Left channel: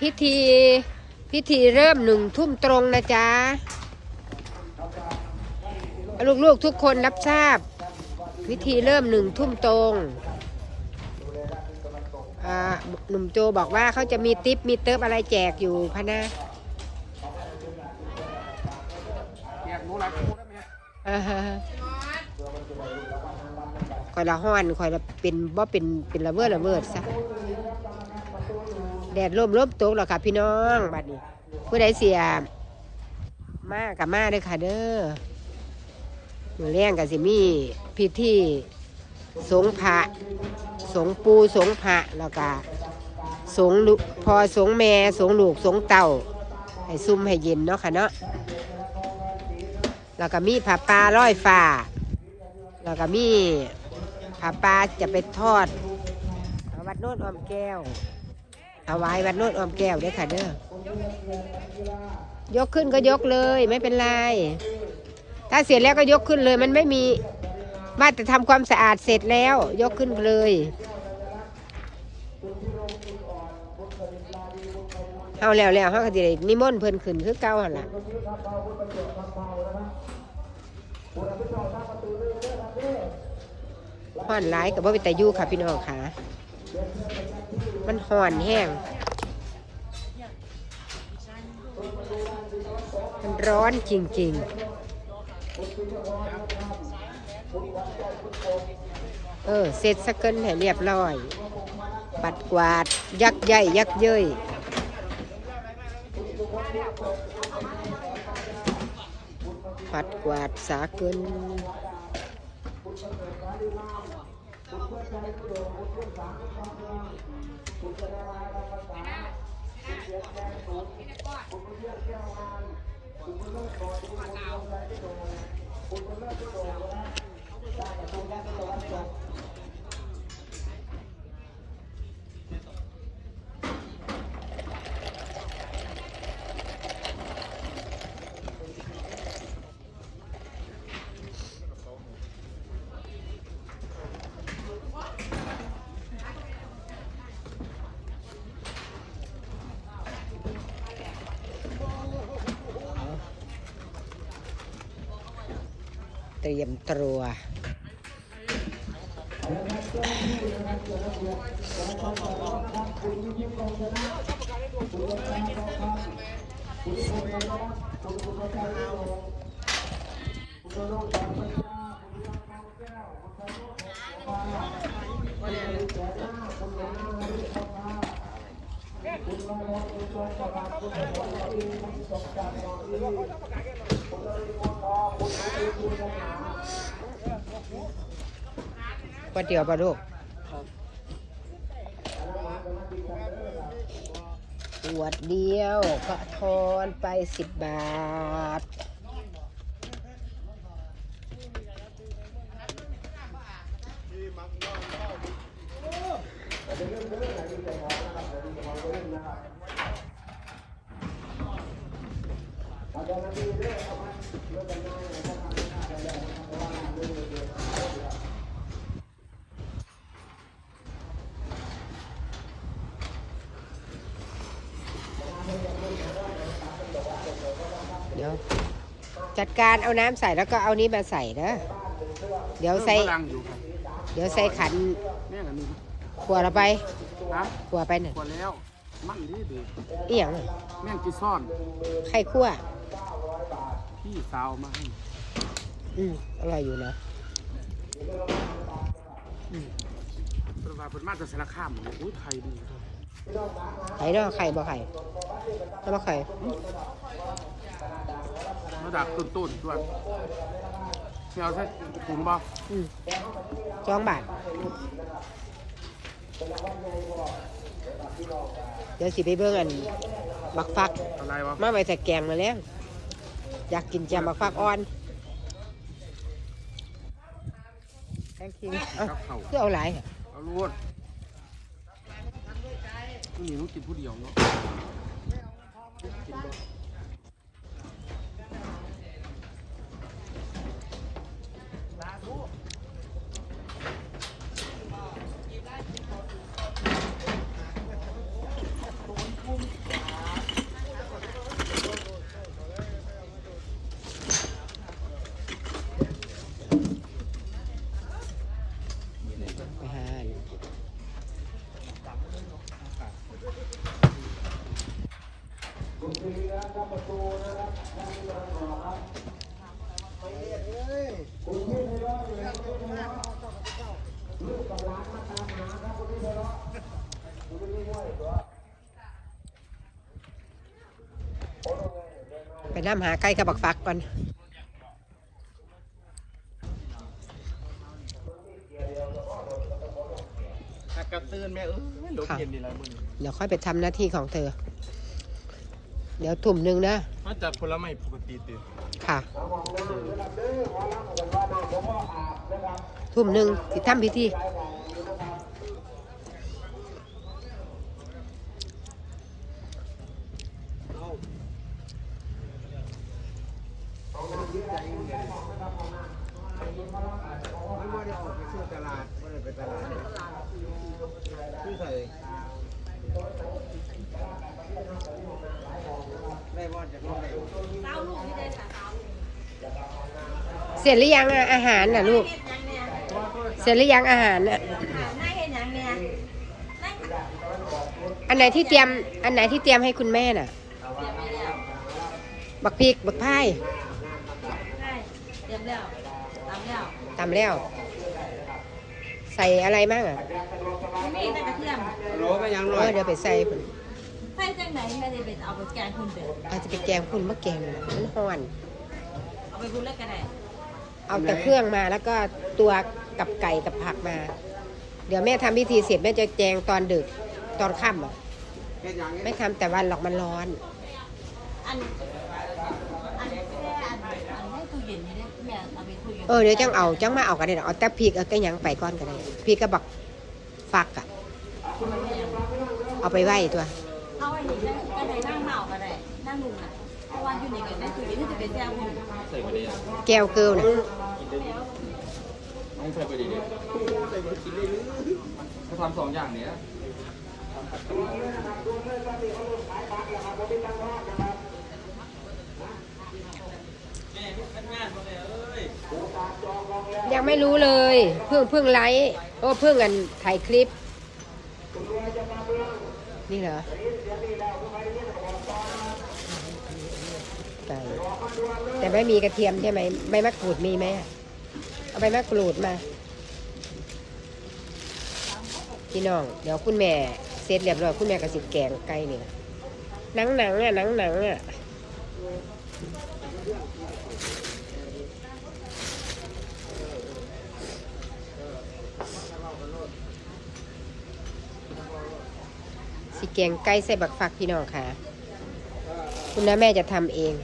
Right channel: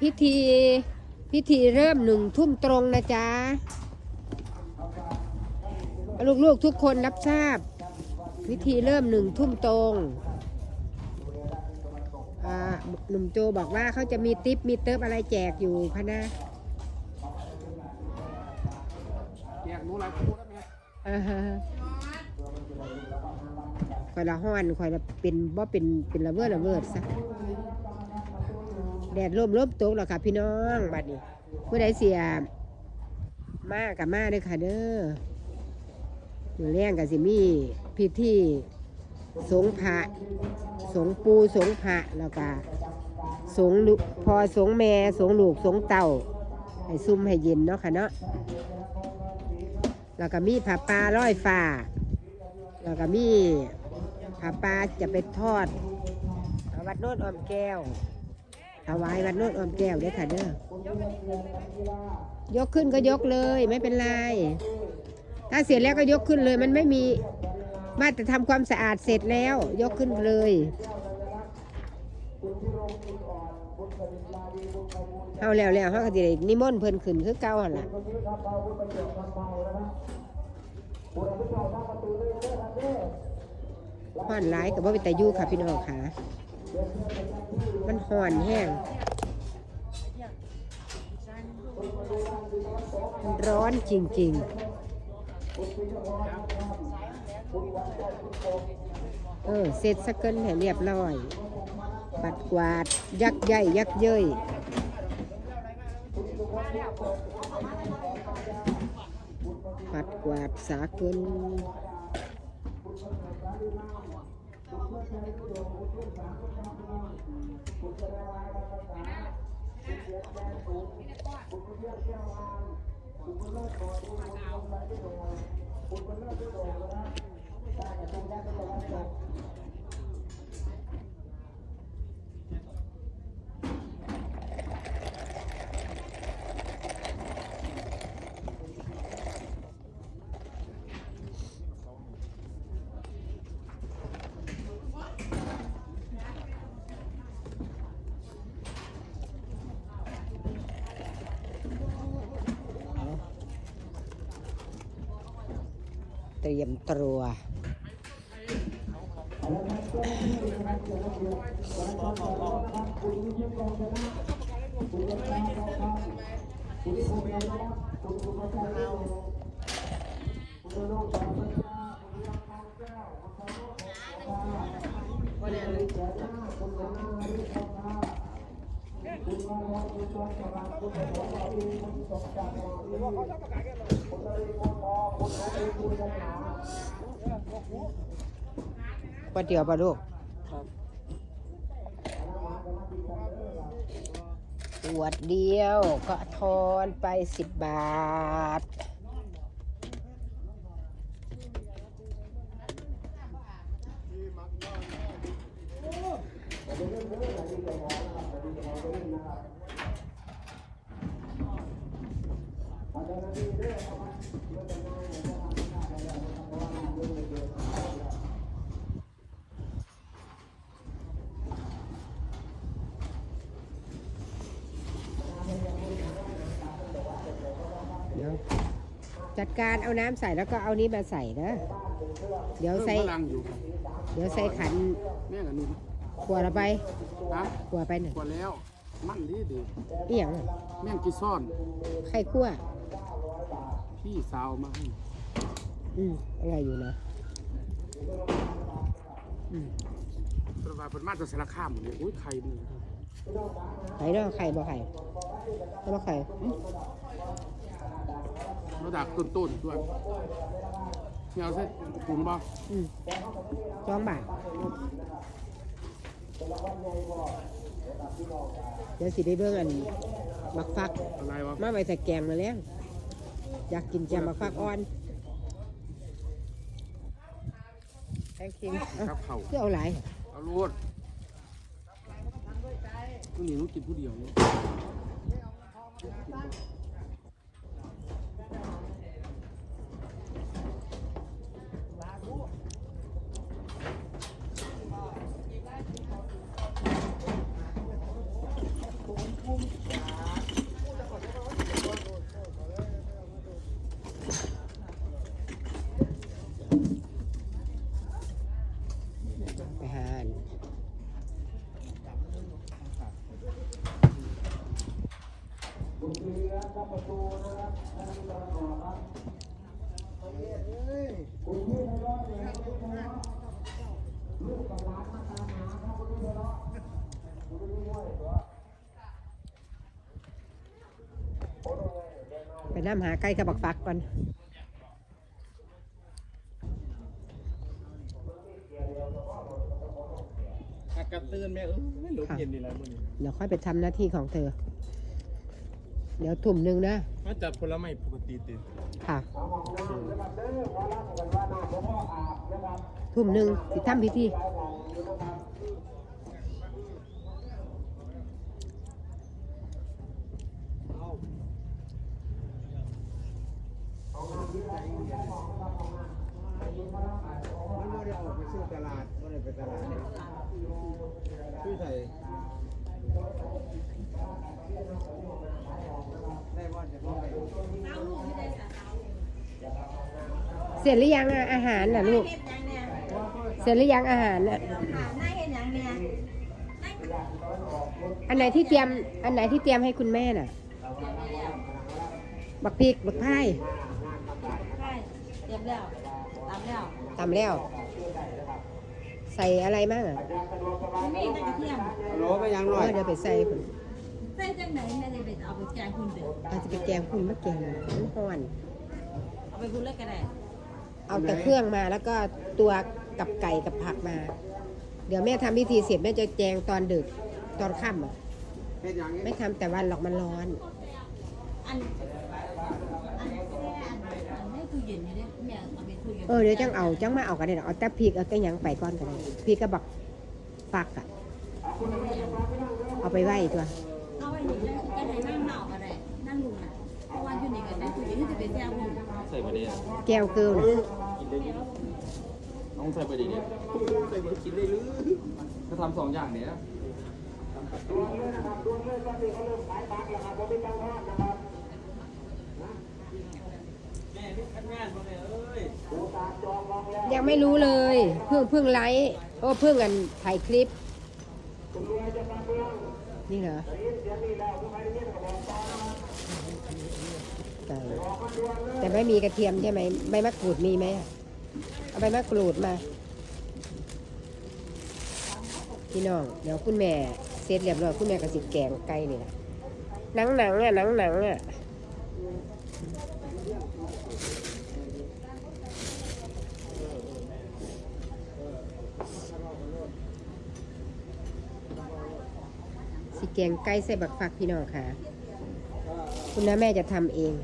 พิธีพิธีเริ่มหนึ่งทุ่มตรงนะจ๊ะลูกๆทุกคนรับทราบ พิธีเริ่มหนึ่งทุ่มตรงอ่าหนุ่มโจบอกว่าเขาจะมีติปมีเติบอะไรแจกอยู่พะนะแยกหนูหลายคู่ได้ไหมอ่าฮะคอยละห้อนคอยละเป็นบ่เป็นเป็นระเบิดระเบิดซะ แดดร่มร่มตกแล้วค่ะ พี่น้องบัดนี้ผู้ใดเสียมากกับมาเด้อค่ะเด้อมือแรงกับสิมีพิธีสงฆ์พระสงปูสงฆ์พระแล้วก็สงลูกพอสงแม่สงลูกสงเต่าให้ซุ่มให้เย็นเนาะค่ะเนาะแล้วก็มีผัปลาร้อยฟ้าแล้วก็มีผัปลาจะไปทอดวัดโน้นอมแก้ว ถวายวัดโน้นออมแก้วเด้ค่ะเด้อยกขึ้นก็ยกเลยไม่เป็นไร ถ้าเสร็จแล้วก็ยกขึ้นเลย มันไม่มีมาแต่ทำความสะอาดเสร็จแล้ว ยกขึ้นเลยเอาแล้วแล้วเขาก็จะได้นิมนต์เพิ่นขึ้นคือเก่าหั่นล่ะห่อนร้ายกับว่าเป็นตายู่ค่ะพี่น้องค่ะ มันห่อนแห้ง มันร้อนจริง ๆ เออ เสร็จสักเกินให้เรียบร้อย ปัดกวาด ยักใหญ่ยักเย้ยปัดกวาดสาเกิน เลื้อยก็โด่งอุ้งเลื้อยสามจุดต้องเด้งอุ้งเลื้อยอะไรก็ตามถ้าเลี้ยงแค่ปุ๋ยถ้าเลี้ยงแค่วาดถ้าเลี้ยงต่อไปก็ต้องเลี้ยงในตัวอุ้งเลื้อยก็โด่งนะต้องการตัวก็โด่ง ตรียมตัว ก๋วยเตี๋ยวปลาลูกขวดเดียวก็ทอนไปสิบบาท เดี๋ยวจัดการเอาน้ำใส่แล้วก็เอานี้มาใส่นะเดี๋ยวใส่เพิ่มพลังอยู่ครับเดี๋ยวใส่ขันแม่กับนี่ขวดเราไปครับขวดไปหนึ่งกว่าแล้ว มั่งดีดีเอี่ยงแม่งกิซ่อน ไข่คั่ว พี่สาวมาให้อืมอร่อยอยู่นะเป็นว่าเป็นมาตรสารคามเลยอุ้ยไข่ดีครับไข่เนาะไข่บ่ไข่ถ้าบ่ไข่ มาดักต้นต้นๆด้วยนี่เอาใส่ถุงบ่อืมสองบาทเดี๋ยวสิไปเบิ่งอันบักฟัก อะไรวะมาไว้แต่แกงมาแล้ว อยากกินแจมบักฟักอ่อนแตงคิงเอ้าเข่าคือเอาหลายเอาลูดผู้หญิงต้องกินผู้เดียวเนาะ ไปน้ำหาใกล้กับบักฟักก่อนกระตื้นแม่เออหลบเย็นดีแล้วมึงเดี๋ยวค่อยไปทำหน้าที่ของเธอ เดี๋ยวทุ่มหนึ่งนะมาจากผลไม้ปกติติค่ะ ทุ่มหนึ่งสิทำพิธี เสร็จหรือยังอะอาหารน่ะลูก เสร็จหรือยังอาหารน่ะนายเห็นยังเนี่ยอันไหนที่เตรียม อันไหนที่เตรียมให้คุณแม่น่ะ บักพริกบักพายใช่เตรียมแล้วตามแล้วตำแล้ว ใส่อะไรบ้างอะ ไม่มีแต่กระเทียม โหลไม่ยังเอน้อย อเดี๋ยวไปใส่พุ่น ใส่จังไหนไม่ได้ไปเอาไปแกงคุณเด้ออาจจะไปแกงพุ่นมะแกงมันฮ้อน เอาไปพูดเล็กก็ได้เอาแต่เครื่องมาแล้วก็ตัวกับไก่กับผักมา เดี๋ยวแม่ทำพิธีเสร็จแม่จะแจงตอนดึกตอนค่ำอะเฮ็ดหยังไม่ทำแต่วันหรอกมันร้อน อันอันแค่อันอันให้ตู้เย็นนี่เนี่ยแม่เอาไปตู้เย็นเออเดี๋ยวจังเอาจังมาเอากันเลยเอาแต่พริกเอาแต่หยังไปก่อนกันเลยพริกก็บักฟักอะเอาไปไหว้ตัว เอาไว้นี่นะก็ได้นั่งเมาก็ได้นั่งลุงน่ะเพราะว่าอยู่ในกันได้ตู้เย็นนี่จะเป็นแก้วคุณใส่บ่ได้แก้วเกลือน่ะไม่ใส่บ่ได้เด้ใส่บ่กินเลยเขาทำสองอย่างเนี้ยยังไม่รู้เลย เพิ่งเพิ่งไลฟ์โอ้เพิ่งกันถ่ายคลิป นี่เหรอ ไก่แต่ไม่มีกระเทียมใช่ไหมใบมะกรูดมีไหมเอาใบมะกรูดมา พี่น้อง เดี๋ยวคุณแม่เสร็จเรียบร้อยคุณแม่ก็สิแกงไก่นี่แหละหนังหนังๆอะหนังหนังๆอะสิแกงไก่ใส่บักฟักพี่น้องค่ะ คุณน้าแม่จะทำเอง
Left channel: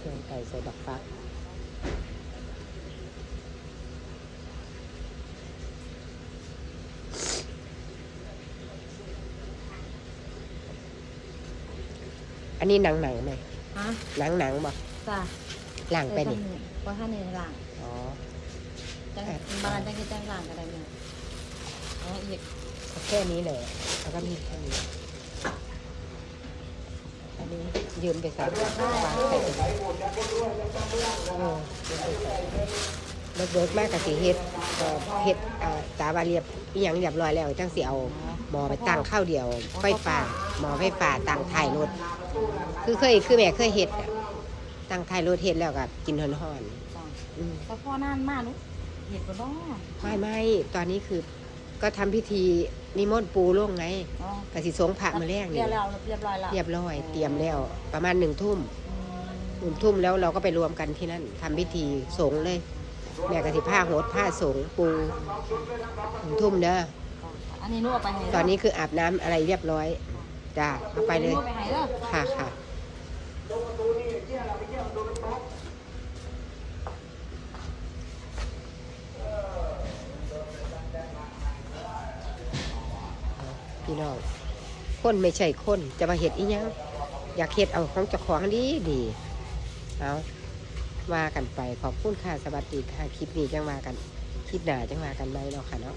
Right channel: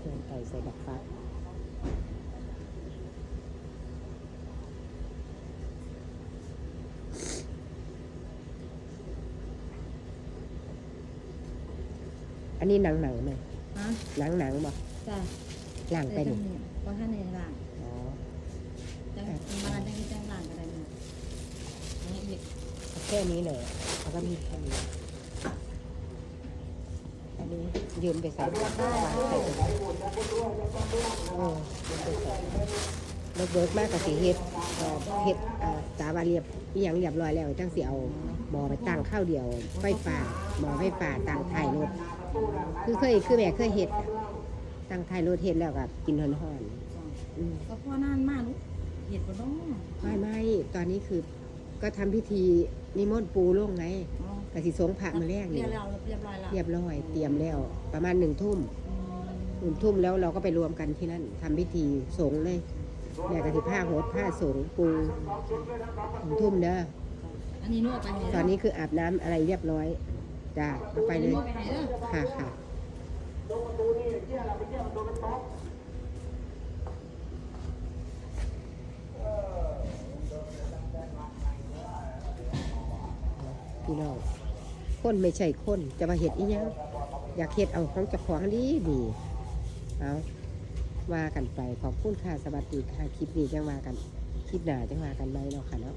แกงไก่ใส่บักฟัก อันนี้หนังหนังไหมฮะหนังหนังบ่จ้าหลังไปนี่ว่าท่านในหลังอ๋อจังบ้านจังที่จังหลังก็ได้แม่เอาอีกเอาแค่นี้เลยแล้วก็มีแค่นี้อันนี้ยืมไปใส่วางใส่ไปเออยืมไปใส่เลิกเบิกมากกับสีเฮ็ดเอ่อเฮ็ดอ่าตาบาเรียบอีหยังเรียบร้อยแล้วจังสิเอาหมอไปตั้งข้าวเดียวไฟฟ้า หมอไฟฟ้าตั้งท้ายรถคือเคยคือแม่เคยเฮ็ดอะตั้งท้ายรถเฮ็ดแล้วก็กินฮ้อนจ้าๆอืมแต่พ่อนานมากลูกเห็ดบ่น้อไม่ไม่ตอนนี้คือก็ทำพิธีนิมนต์ปูลงไงอ๋อกสิสงพระมาแรกเรีนี่ยบร้อยแล้วเรียบร้อยแล้วเรียบร้อยเตรียมแล้ว ประมาณหนึ่งทุ่มอืมหนึ่งทุ่มแล้วเราก็ไปรวมกันที่นั่นทำพิธีสงฆ์เลย แม่กสิผ้าโหดผ้าสงฆ์ปูหนึ่งทุ่มเด้อ อันนี้หนูเอาไปให้ตอนนี้คืออาบน้ำอะไรเรียบร้อย จ้าเอาไปเลย ค่ะค่ะพี่น้องคนไม่ใช่คนจะมาเห็ดอีหยังอยากเห็ดเอาของเจ้าของดีดีเอาว่ากันไปขอบคุณค่ะสวัสดีค่ะ คลิปนี้จังว่ากัน คลิปหน้าจังว่ากันไหมเนาะค่ะเนาะ